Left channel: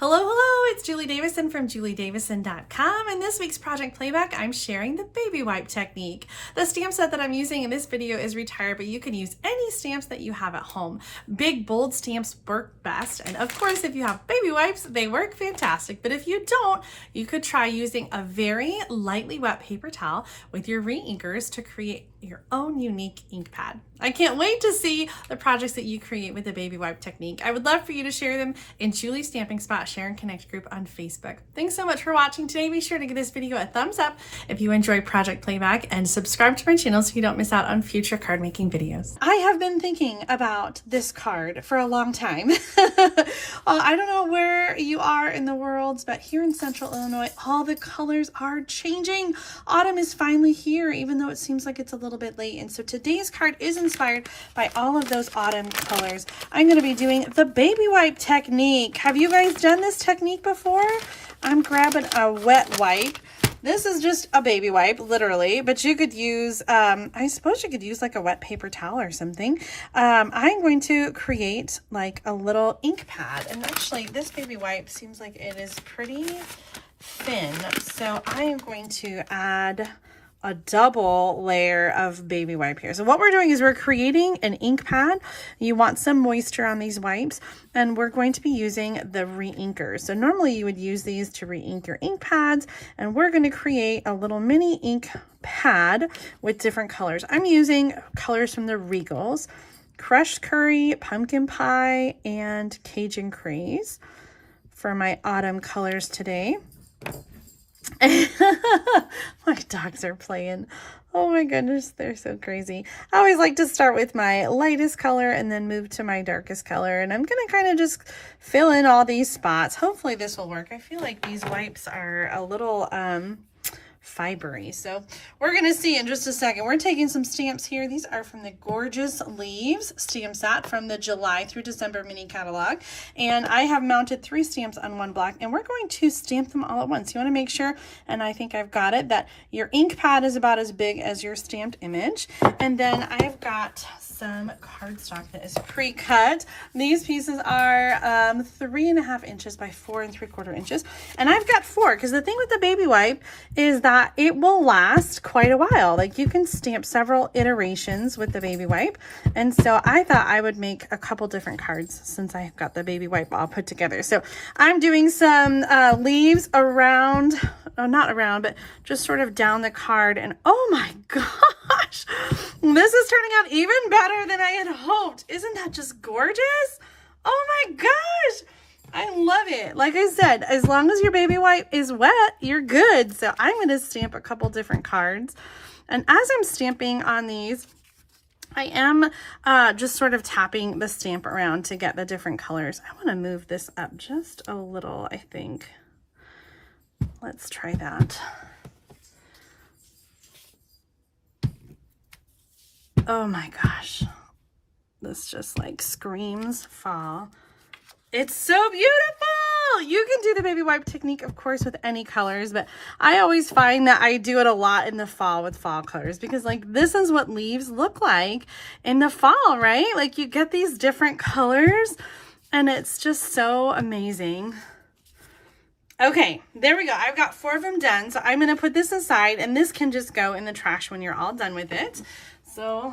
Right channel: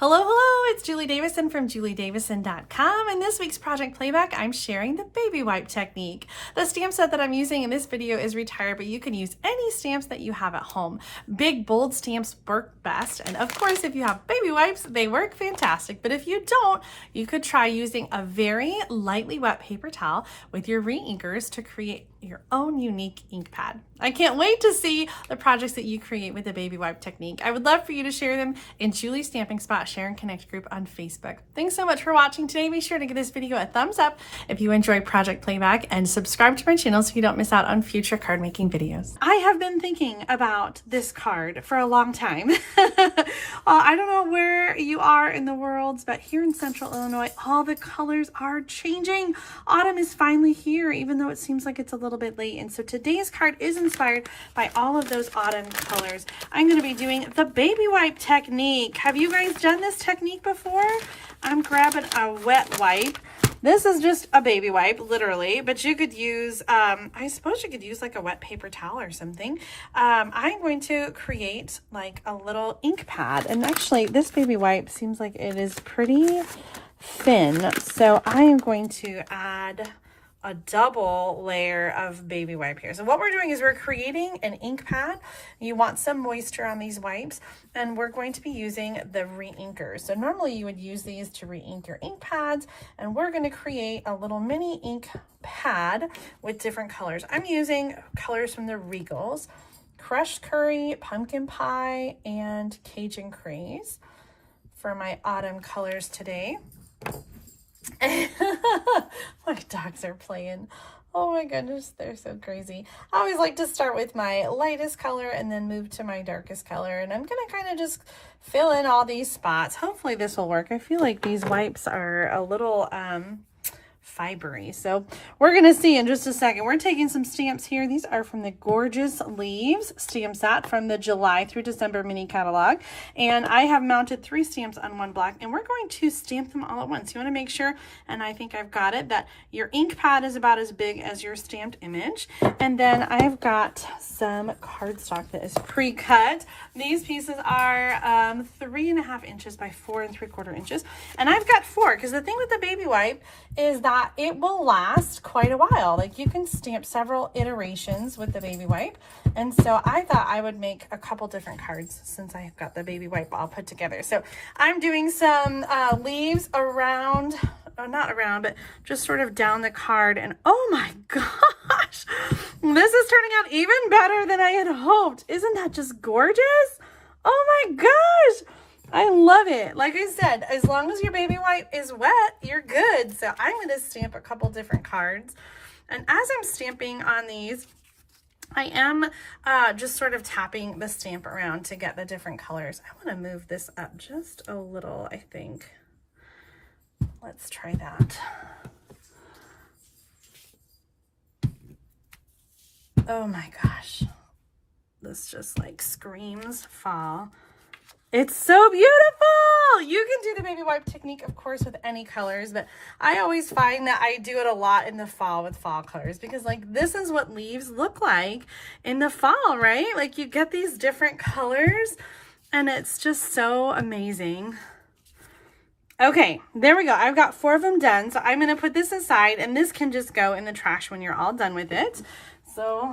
Hello, hello, it's Julie Davison from juliedavison.com, and this week's Project Playback, I'm sharing the baby wipe technique. The stamp set that I'm using in this video is retired, but you can use any stamps that you have at home. Big, bold stamps work best, and of course, if you have baby wipes, they work fantastic, but if you don't, you could try using a very lightly wet paper towel with your re-inkers to create your own unique ink pad. I can't wait to see the projects that you create with the baby wipe technique. I would love for you to share them in Julie's Stamping Spot Share and Connect group on Facebook. Thanks so much for watching today. Be sure to give this video a thumbs up if you enjoy Project Playback and subscribe to my channel so you don't miss out on future card making videos. I have been thinking about this card for a long time. I don't know where you are in the world, but here in Central Illinois, all the colors are changing. Autumn is finally here, even though it seems like it's a little bit late. And so today's card is inspired by all of those autumn colors. I'm going to be doing the baby wipe technique. Have you guys done this technique before? I'm grabbing a wet wipe. This is just a baby wipe, literally, but you could use, I suppose you could use like a wet paper towel or something. I'm going to create like a little ink pad. And actually, this baby wipe seems like it is pretty thin. So I am going to add a double layer of baby wipe here. So what we're doing is we're creating an ink pad. You want some moisture on these wipes, and we're going to be using the re-inkers. So normally you would use these to re-ink your ink pads, and we're going to create a little mini ink pad with different colors. I'm using colors from the Regals, Crushed Curry, Pumpkin Pie, and Cajun Craze for my autumn colors today. My dogs are playing. Oh my goodness, they're so crazy. I always like to start with my lightest color and then move to my darkest color, and I'm gonna kind of just fill in all these spots. Hopefully this will work. I feel like these wipes are a little fibery, so we're gonna see in just a second. We're taking some stamps here. These are from the Gorgeous Leaves stamp set from the July through December mini catalog, and I have mounted 3 stamps on one block, and we're going to stamp them all at once. You want to make sure, and I think I've got it, that your ink pad is about as big as your stamped image. And then I've got some cardstock that is pre-cut. These pieces are 3.5 inches by 4 3/4 inches, and I've got 4 because the thing with the baby wipe is that it will last quite a while. Like, you can stamp several iterations with the baby wipe, and so I thought I would make a couple different cards since I've got the baby wipe all put together. So I'm doing some leaves around, not around, but just sort of down the card, and oh my gosh, this is turning out even better than I had hoped. Isn't that just gorgeous? Oh my gosh, I love it. Like I said, as long as your baby wipe is wet, you're good. So I'm going to stamp a couple different cards, and as I'm stamping on these, I am just sort of tapping the stamp around to get the different colors. I want to move this up just a little, I think. Let's try that. Oh my gosh. This just like screams fall. It's so beautiful. You can do the baby wipe technique, of course, with any colors, but I always find that I do it a lot in the fall with fall colors, because like this is what leaves look like in the fall, right? Like you get these different colors and it's just so amazing. Okay, there we go. I've got 4 of them done. So I'm going to put this aside, and this can just go in the trash when you're all done with it. So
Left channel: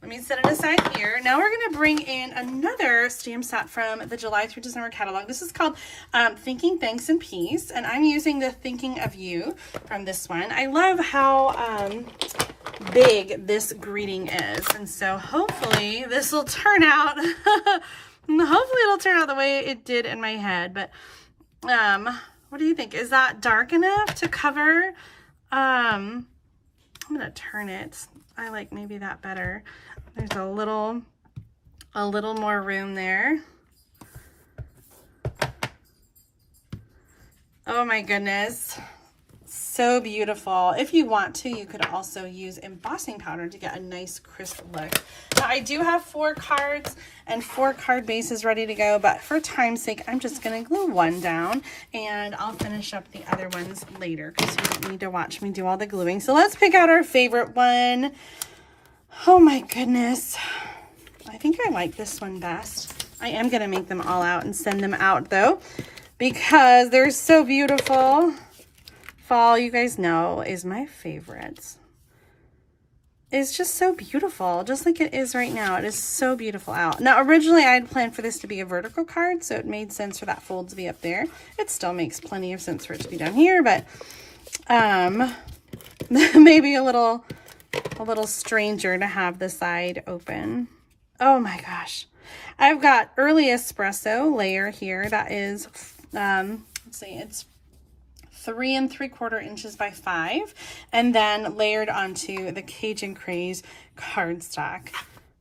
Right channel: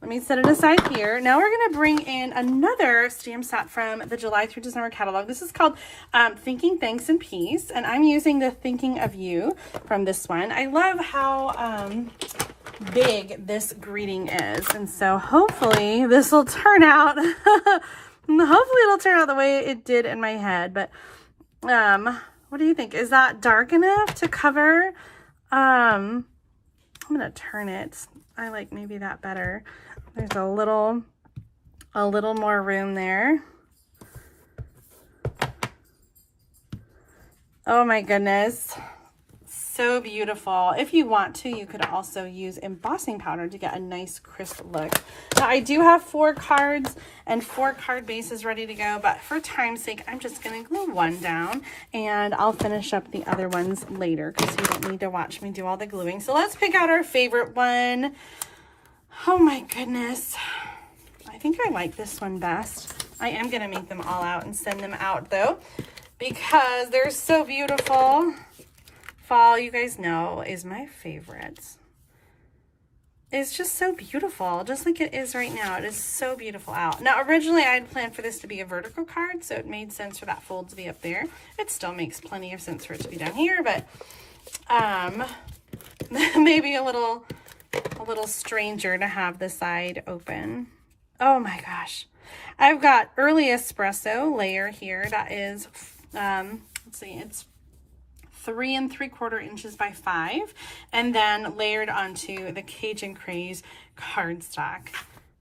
let me set it aside here. Now we're going to bring in another stamp set from the July through December catalog. This is called Thinking Thanks and Peace, and I'm using the Thinking of You from this one. I love how big this greeting is, and so hopefully this will turn out, hopefully it'll turn out the way it did in my head, but what do you think? Is that dark enough to cover? I'm going to turn it. I like maybe that better. There's a little more room there. Oh my goodness. So beautiful. If you want to, you could also use embossing powder to get a nice crisp look. Now I do have 4 cards and 4 card bases ready to go, but for time's sake, I'm just going to glue one down, and I'll finish up the other ones later because you don't need to watch me do all the gluing. So let's pick out our favorite one. Oh my goodness. I think I like this one best. I am going to make them all out and send them out though, because they're so beautiful. Fall, you guys know, is my favorite. It's just so beautiful, just like it is right now. It is so beautiful out. Now, originally I had planned for this to be a vertical card, so it made sense for that fold to be up there. It still makes plenty of sense for it to be down here, but maybe a little stranger to have the side open. Oh my gosh. I've got early espresso layer here that is, let's see, it's 3 3/4 inches by 5, and then layered onto the Cajun Craze cardstock.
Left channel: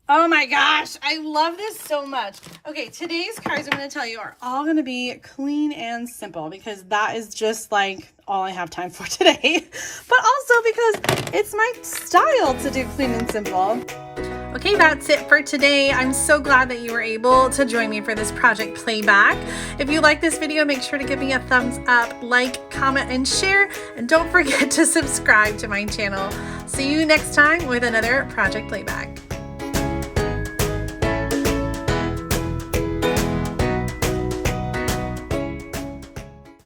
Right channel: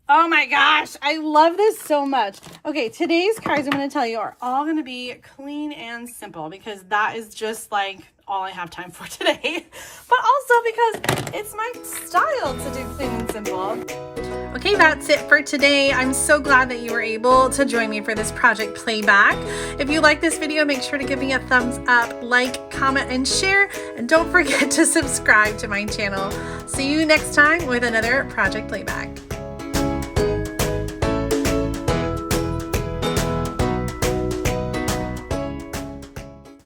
Oh my gosh, I love this so much. Okay, today's cards I'm going to tell you are all going to be clean and simple, because that is just like all I have time for today, but also because it's my style to do clean and simple. Okay, that's it for today. I'm so glad that you were able to join me for this project Playback. If you like this video, make sure to give me a thumbs up, like, comment, and share, and don't forget to subscribe to my channel. See you next time with another Project Playback.